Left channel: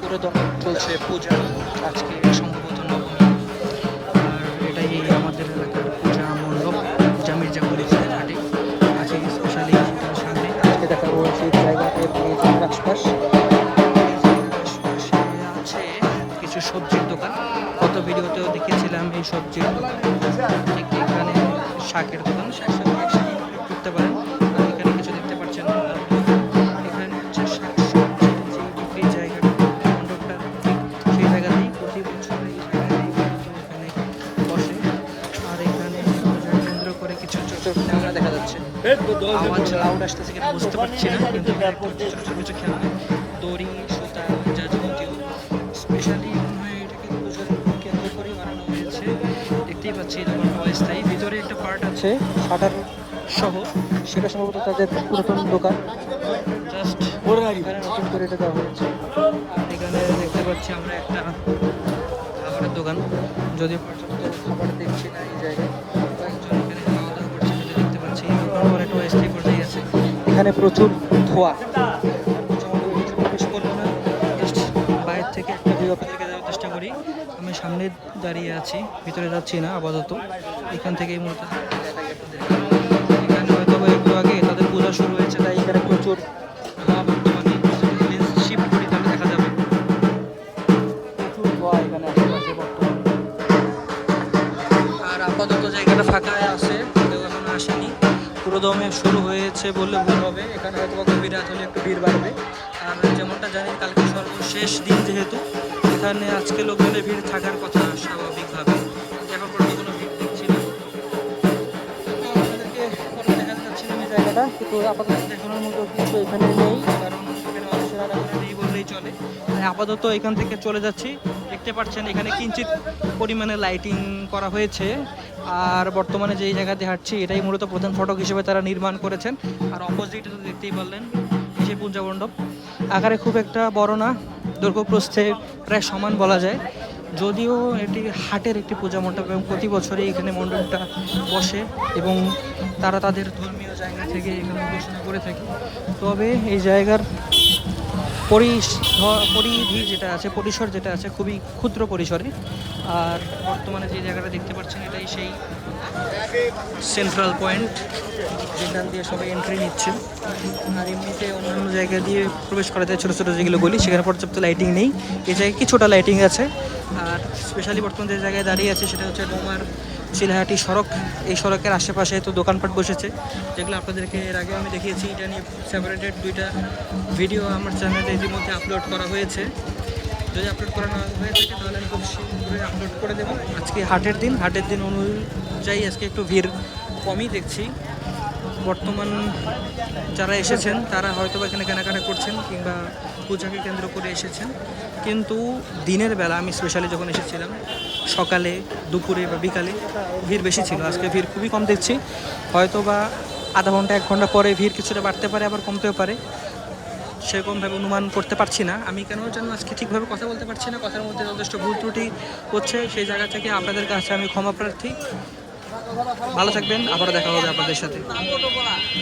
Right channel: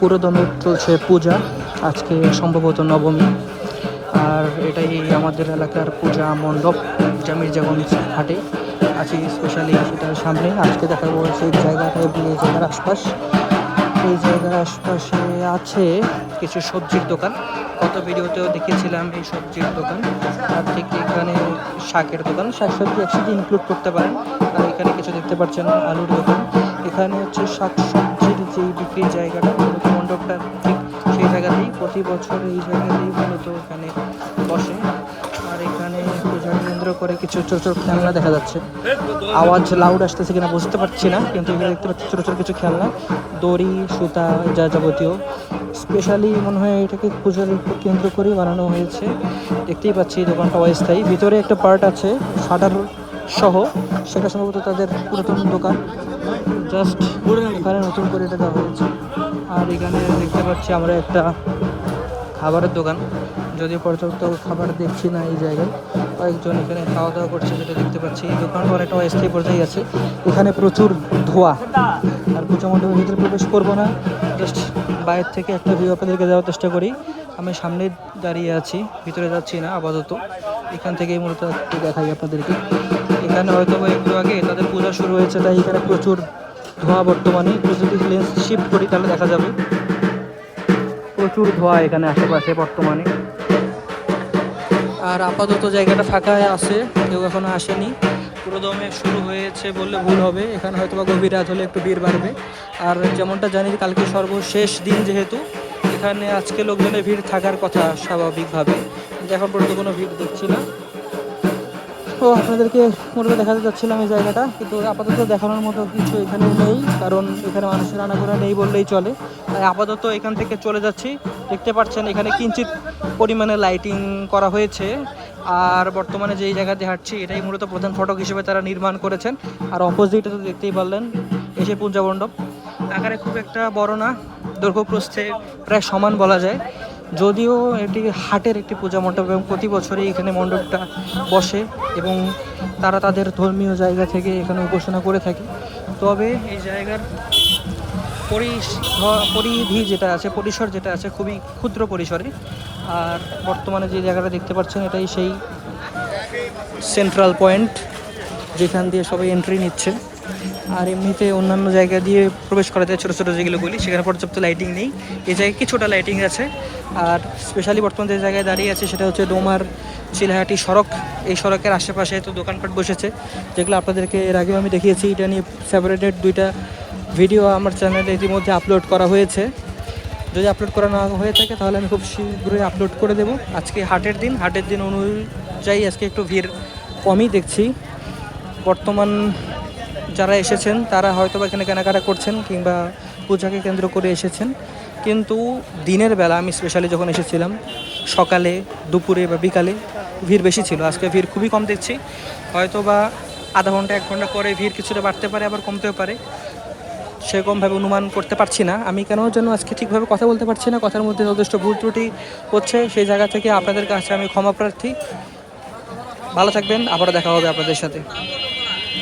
পুরোদমে চলছে পূজা, আজকে সম্ভবত নবমী। আর এটাই আমাদের এলাকার পূজা মণ্ডপ যা মির্জাগঞ্জ হাটে। আছে স্পেশালি সেটার সামনে, আজকে দেখা যাচ্ছে এই আছে কিছু সবজির দোকান। গত ভিডিওতেও দেখেছিলাম এই সবজির দোকান। আর ঠিক এখানে শাকের দোকান। শাক সবজি একসাথে ইনক্লুড করতে পারেন। আর এখানে কিছু দেখতে পাচ্ছেন আলুর দোকান। এখানে হচ্ছে শাক সবজির যে বিক্রির জায়গাটা মণ্ডপটা ঠিক সেই জায়গাতেই প্রতি বছর এই জায়গাতেই মূলত এখানে বসে। আর এখানে পূজা কেন্দ্র করে কিছু ছোট ছোট খেলনা দেখা যাচ্ছে। আওয়াজ লাউড আসতেছে কিনা বুঝতে পারছি না, কিন্তু এখানে দেখতে পাচ্ছি ছোট ছোট কিছু খেলনা, দড়ি, সুতা, যা যাবতীয়। স্পেশালি মনে হয় এটাকে পূজার কেন্দ্র করে বানানো হয়েছে। দেখতেই পাচ্ছি দোকানটা অস্থায়ী। ভিতরে একটা পার্ট আছে, সাধারণ সহ। সেটা সম্ভবত তাদের পুরাতন দোকান। জাস্ট এখানে নতুন করে এটা দেওয়া হয়েছে। আর এখানে দেখতে পাচ্ছি আমরা একটা খাবারের দোকান। যদিও পর্যাপ্ত খাবার দেখছি না এই জায়গায়। একজন এখানে খাওয়া দাওয়া করছে যেটা দেখতে পাচ্ছি। এই দোকানটা অনেকটা অস্থায়ী পর্যায়ে আছে। এখানে প্রচুর ধোঁয়া। আর পূজা মণ্ডপের ভিতরে প্রবেশ করব না। জাস্ট বাইরে থেকে একটা ভিউ আপনাদেরকে দেওয়ার চেষ্টা করি। আমি সামনে দাঁড়িয়ে আছি, ভিতরে যাচ্ছি না, আপাতত। এখান থেকেই মূলত দেখাই আপনাদেরকে। এখানে হয়তো একটু আগে তাদের পূজা শুরু হয়েছে, তাই এখানে প্রচুর ধোঁয়া বর্তমানে একটু লেন্স শিফট করি, তাহলে দেখা যাবে। প্রচুর ধোঁয়া এখানে আশেপাশে বর্তমানে। আর আপাতত জায়গাটা ফাঁকা আছে, কেউ এখনও আসেনি। পুরো দমে শুরু হয়েছে বললে ভুল হবে, এখানে হয়তো গভীর রাত হলে একটু ভিড় বাড়বে। আর যেমনটা জানি, কালকে সর্বশেষ দিন যেহেতু, এখানে আজকে লোকজনের ভিড় থাকার কথা স্বাভাবিকভাবে। এখন পর্যন্ত কোনো ভিড় দেখছি না। আপনাদেরকে মূলত দেখাতে যাচ্ছিলাম এই জায়গাটা। কিন্তু আপাতত দেখানোর মতো কিছু এখানে নেই, কারণ এখানে মানুষের রান্নাঘোরা নেই বললেই চলে। তাই আপাতত এখান থেকে চলে যাচ্ছি। দেখতে পাচ্ছেন, এখানে কিঞ্চিত পরিমাণে লাইটিং করা হয়েছে। আর বর্তমানে যেই জায়গাতে হাঁটছি, এটাই মূলত প্রধান ফটক হিসেবে তারা নির্মাণ করেছেন। আর অপোজিটে তো দেখতেই পারলেন, এসে পূজা মণ্ডপ। আকারে খুব একটা বড় না, দৈর্ঘ্য প্রস্থে প্রায় সমান বলা যায়। যদিও এটি হাটের একটি পূজা মণ্ডপ এবং প্রতি বছরই এখানে মণ্ডপটা বসে এবং তারা তাদের ধর্মীয় জায়গা থেকে এখানে উপাসনা করে থাকে। তবে এই জায়গার পরিধি যেটা আছে, পরিসর যেটা আছে খুবই ক্ষুদ্র পরিসরে। আর বর্তমানে যে জায়গাটা দেখতে পাচ্ছেন, এটাই সেই সেন্ট্রাল পয়েন্ট যেখান দিয়ে সবাই এন্ট্রি নিচ্ছে আর এমনিতে অন্যান্য জায়গা দিয়ে প্রবেশ করা যায় ছোটো ছোটো যেগুলো বলি সেখানে পর্যাপ্ত লাইটিং নেই। এই জায়গায় কিছুটা লাইটিং আছে। আর স্পেশালি বর্তমানে যে জায়গায় দাঁড়িয়ে আছে, সেটা হচ্ছে ডোমার চিলাহাটি সড়ক। এই সড়কের আশেপাশে তো দোকানপাট বসেছে। যেগুলো আপনাদেরকে এর আগেও আমি দেখিয়েছি, এটা নিয়ে সেপারেটেড দুইটা ভিডিও আমার চ্যানেলে ইতিমধ্যে আপলোড করা হয়েছে। যদি আপলোড করা না হয়ে থাকে, তাহলে আমি খুব শীঘ্রই আপলোড করে দেবো। আজকে হাটের দিন। হাটের দিন অনুযায়ী আজকে একটু ভিড় কমই দেখছি। বর্তমান যারা এসেছেন, তারা হয়তো বা এখানে কেনাকাটা করছেন কিংবা পূজাকে কেন্দ্র করে এসেছেন। কিন্তু দিনের বেলা আমি স্পেশালি যখন এসেছিলাম, সকালে, দুপুরে বা বিকালে ভিড় বেশি ছিল। আজকে ভিড় খুবই কম দেখছি। হয়তো বা আধা ঘণ্টা, এক ঘণ্টা পরে ভিড় কিছুটা বাড়তে পারে, আবার কমতেও পারে। সেরকমভাবে অনুমান করতে পারছি না। আমি কেন যেন আজকে ঠিকভাবে কথা বলতে পারছি না, কথার মধ্যে যথেষ্ট ভুল ত্রুটি হচ্ছে। সেই জায়গা থেকে আপনাদের কাছে আমি ক্ষমা প্রার্থী। ভালো থাকবেন, আবারও দেখা হবে আপনাদের সাথে।